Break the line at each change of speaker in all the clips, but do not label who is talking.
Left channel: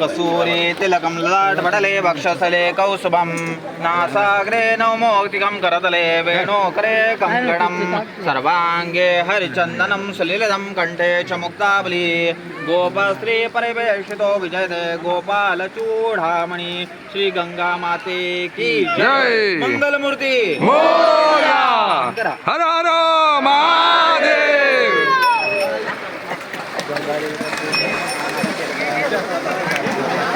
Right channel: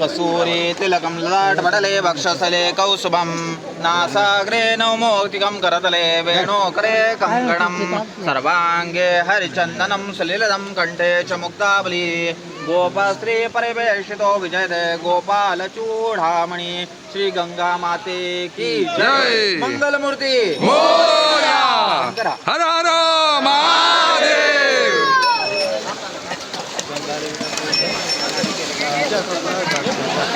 कसूरी तिलकं ललाटपटले वक्षसले कौसुभं नासाग्रे नौमोक्तिकं करतले वेणुकरे कङ्कणं सर्वाङ्गे हरिचन्दनं सुलिलितं कण्ठे च मुक्तावली गोपस्त्री परिवेशितो विजयते गोपालचूडामणि श्रीगंगामाते की
जय.
मंगलमूर्ती।
मोया हर हर महादेव।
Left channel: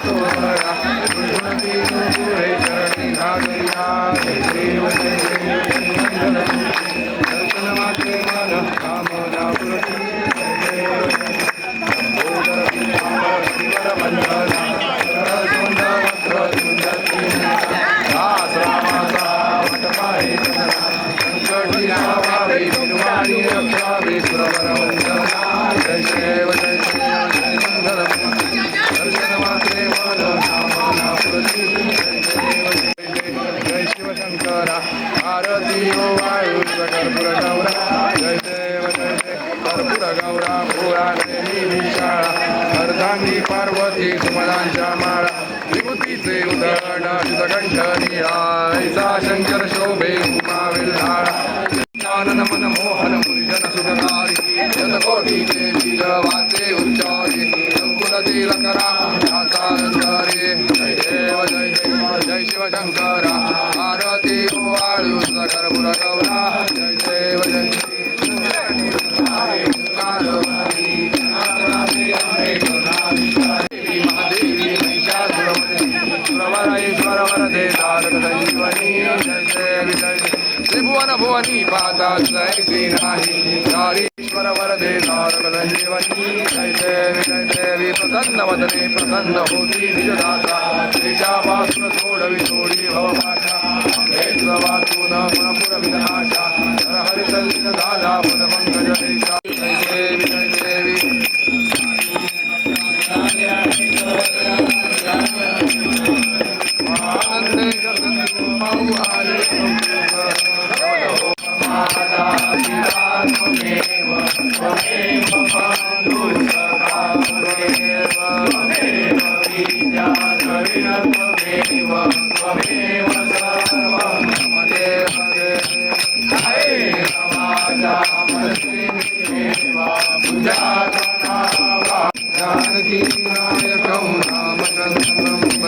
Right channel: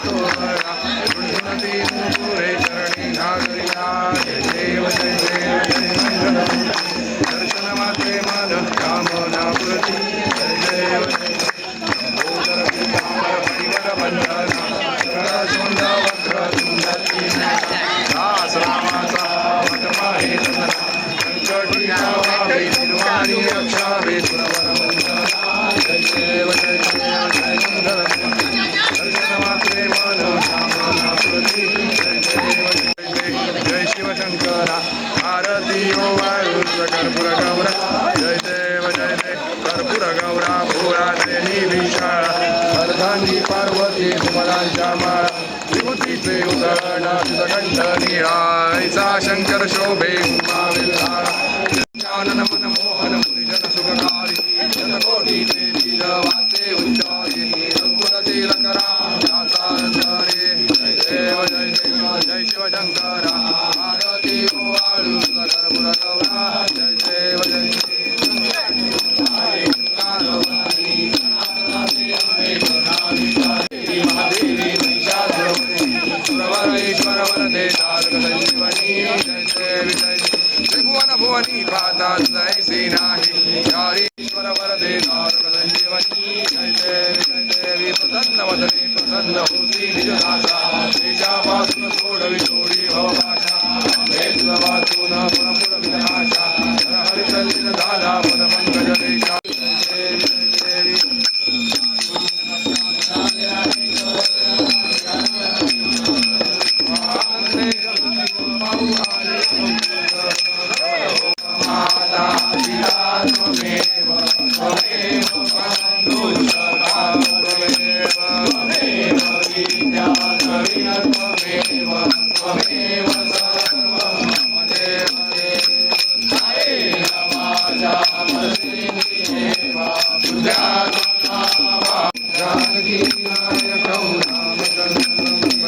शोभतो मरा झुणझुणती नुपुरे चरणी नागरिया देव जय देव जय मंगलम दर्शनमात्रे मन कामना पुरती जय देव जय लंबोदर पीतांबर परिवर बंधना वक्र दास रामाचा हे संकटी भावे निर्वाणी रक्षावे जय शिवशंकरा आरती ओ वायुर कर्पूर गौरा जय देव जय देव कर्पूर गौरा भोळा नयनी विशाळा अर्धांगी पार्वती सुमलांच्या माळा विभूतीचे उदडाशित कंठ निळायचा शंकर शोभे उमा ज्ञानन मन मोहन मुनिजन सुखकारी शतकोटीचे वीर वाचे उच्चारे रघुकुल तिलकरा दासारे जय जय शिवशंकरा आरती वाळू कर्पूर गौरा जय देव जय महादेवी महिषासुरमर्दिनी सुरवरेश्वर वरदे तारक संजीवनी ಭುವನ ಭುವನಿ ಪಾದಾಶ್ರಯಿಸಿ ನಾಹಿ ಚಾರೀಶ್ವರ ವರದೆ ದಾರುಗಳ ಜೀವನಿ ಜಯ ದೇವಿ ಜಯ ದೇವಿ ಪ್ರಸನ್ನ
ವದನೆ
ಪ್ರಸನ್ನ ಹೋಸಿ ನಿಜ ದಾಸ ಶ್ರೀಶಾಪಾಸುರ ಸೋಡವಿ ಸೋಡಿ ಭವಭಾಷ ಅಂಬೇಶ್ವರ ವಾಸೂನ ಪುಣಪುರ ವಿನಾಶ ಹರಿಸಲ್ಲಿನ ದಾದಾ ಪದ ಪಂಕಜ ದೇಶ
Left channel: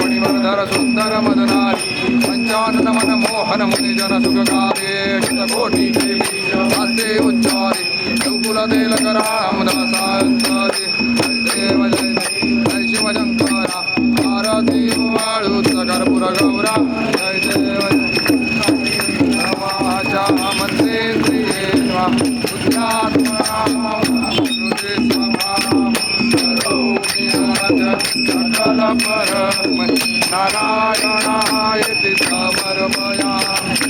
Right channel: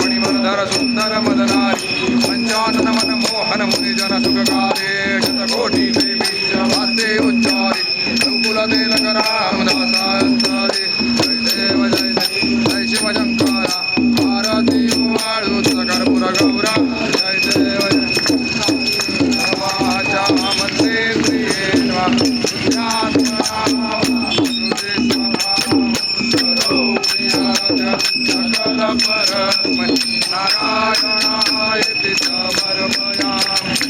व्याघ्रांबर फणिवर्धर मदनारी। पंचानन मन मोहन मुनिजन सुखकारे। चितकोटी देवी वाचे उच्चारे। रघुकुल तिलक जय देव जय जय जय शिवशंकरा आरती वाळू कर्पूर गौरा। जय देव जय नवाचा वा। बुद्ध्यात्मना सकल परस्मै नारायणाय चित्तमर्पयामि